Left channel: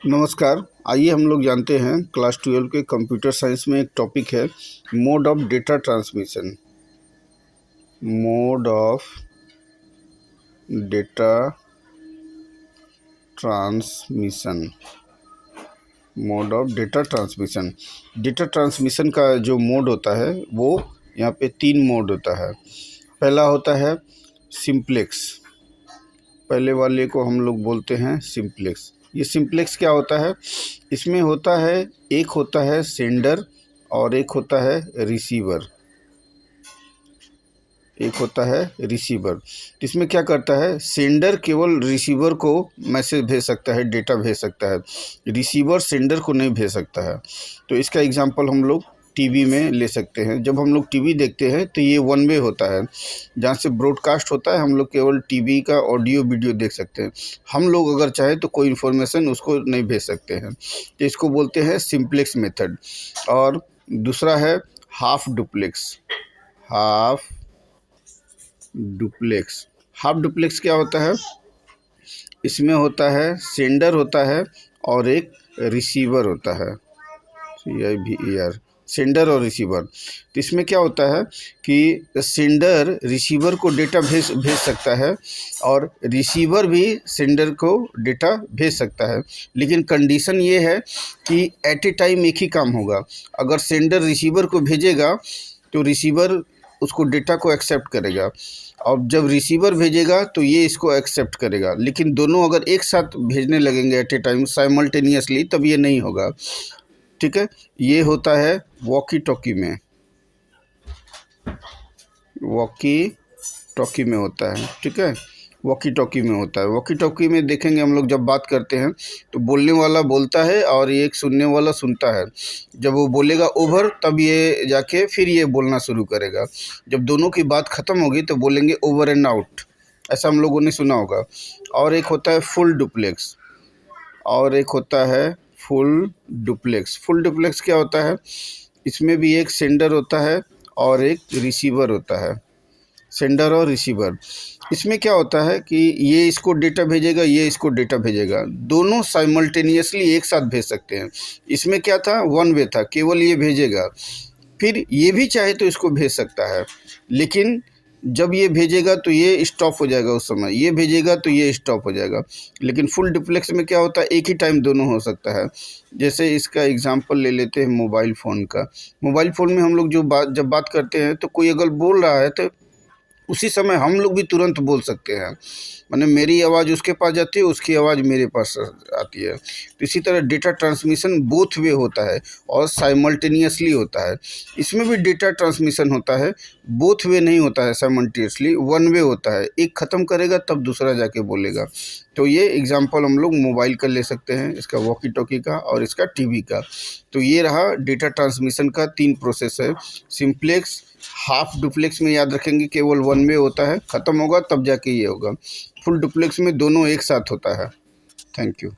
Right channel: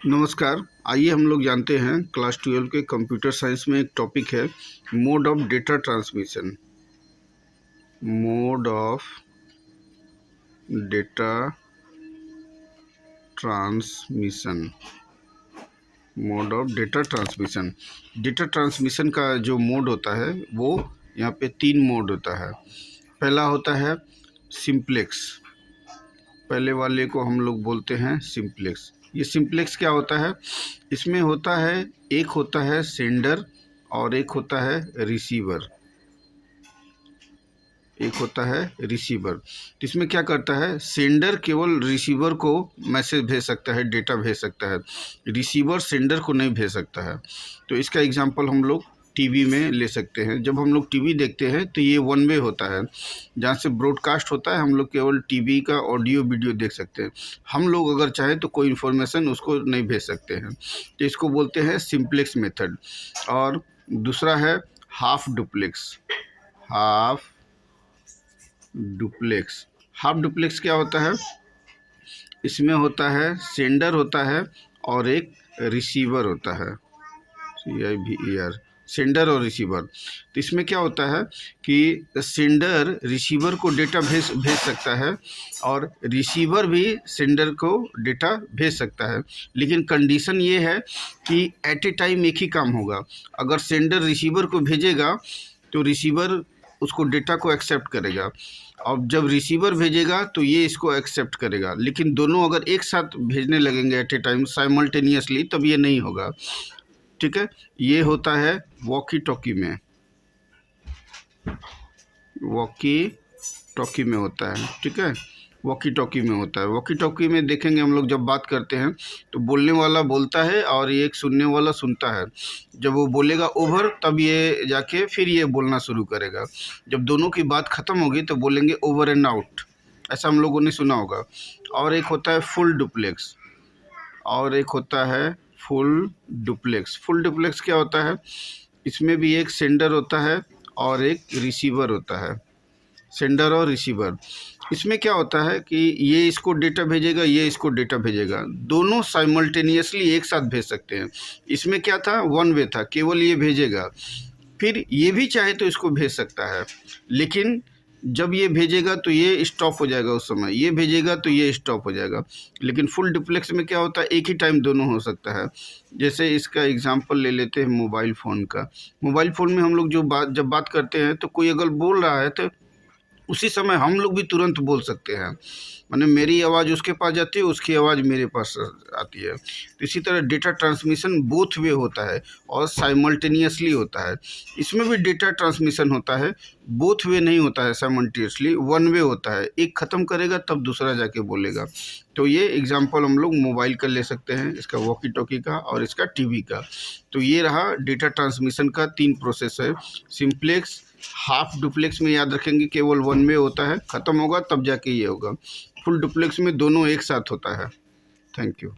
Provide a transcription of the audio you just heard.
नमस्कार। आइए हम लोग जानते हैं क्लास 12 के कंप्यूटर साइंस में एक टॉपिक है mode of data transmission. Mode of data transmission. Mode of data transmission. Data transmission का जो मोड होता है वो यहाँ पे 3 मोड होता है। पहला होता है सिंप्लेक्स। पहले वाले को हम लोग बोलते हैं सिंप्लेक्स। ये सिंप्लेक्स क्या होता है? इसमें होता है, एक होता है सेंडर और एक होता है रिसीवर। एक होता है रिसीवर। तो इसमें क्या करता है, सेंडर केवल रिसीवर को मैसेज भेज सकता है, डेटा भेज सकता है, रिसीवर सेंडर को नहीं भेज सकता है। तो इसका एग्जांपल हम लोग टीवी में ले सकते हैं। जब हम लोग टीवी देखते हैं तो ये वन वे होता है, जहाँ से ब्रॉडकास्ट होता है हम लोग केवल टीवी का ऑडियो वीडियो देख सकते हैं। हम लोग अगर चाहें तो कोई इन्फॉर्मेशन उसको नहीं भेज सकते हैं। तो इसको बोलते हैं सिंप्लेक्स मेथड। और दूसरा है half duplex. Half duplex. Half duplex क्या होता है? इसमें होता है सेंडर होता है और एक रिसीवर होता है, CIVER, सेंडर और रिसीवर। तो इसमें क्या होता है कि सेंडर रिसीवर को डेटा भेज सकता है और रिसीवर भी सेंडर को डेटा भेज सकता है, लेकिन कंडीशन ये है कि एट ए टाइम एक ही काम होगा। अगर सेंडर रिसीवर को भेजेगा तो रिसीवर उसको डेटा को एक्सेप्ट करेगा, और जब रिसीवर भेजेगा तो ये इसको एक्सेप्ट करेगा। लेकिन दोनों अगर एक साथ भेजने लगेंगे एट ए टाइम साइमल्टेनियसली, तब ये नहीं होगा। ठीक है, ये होता है वॉकी टॉकी में। वॉकी टॉकी में होता है, ठीक है, वॉकी टॉकी में होता है। वॉकी टॉकी में देखेंगे हम लोग, जब बात करते हैं तो बोलने वाला बोलता है और ये एक सुनने वाला सुनता है। जब वो बोलेगा ओवर, तब ये जाके फिर ये बोलना शुरू करेगा। जब दोनों की बात ख़त्म होगी तो बोलेंगे ओवर एंड आउट। ऐसा हम लोगों ने सुना होगा। और एक होता है फुल डुप्लेक्स। और एक होता है फुल डुप्लेक्स। फुल डुप्लेक्स क्या होता है? इसमें भी एक सेंडर होता है और एक रिसीवर होता है। सेंडर और रिसीवर। इसमें क्या होता है कि ये इसको डेटा भेजेगा, ये इसको डेटा भेजेगा, दोनों साइमल्टेनियसली एक साथ भेज सकते हैं। इसमें क्या था, वन वे था, केवल ये भेजेगा, फिर ये भी चाहे तो इसको भेज सकता है, लेकिन जब ये भेजेगा तो ये स्टॉप हो जाएगा, उस समय ये भेजेगा तो ये स्टॉप हो जाएगा। लेकिन फुल डुप्लेक्स में क्या होता है, एक ही टाइम दोनों हो सकता है। जैसे इसका एग्जांपल ले लेते हैं मोबाइल फ़ोन का। मोबाइल फ़ोन में हम लोग जब बात करते हैं तो कोई अगर बोल रहा है तो उसी समय हम लोग भी तुरंत बोल सकते हैं। माने मेरी आवाज़ उसके पास जाती है, उसकी आवाज़ मेरे पास आती है। तो इसी तरह डेटा ट्रांसमिशन बोथ वे होता है और साइमल्टेनियसली होता है। इसमें भी डेटा ट्रांसमिशन होता है, बोथ वे नहीं होता है साइमल्टेनियसली, वन वे होता है। एक ख़त्म करेगा तब दूसरा जाके बोलेगा। तो ये एग्जांपल हम लोग मोबाइल का ले सकते हैं, इसका वॉकी टॉकी का और इसका टीवी का। तो ये रहा डेटा ट्रांसमिशन का 3 प्रोसेस है। सिंप्लेक्स, हाफ डुप्लेक्स में याद रखेंगे केवल वन वे होता है, ख़त्म होगा तब जाके ये होगा। फुल डुप्लेक्स में दोनों एक साथ होता है। Thank you.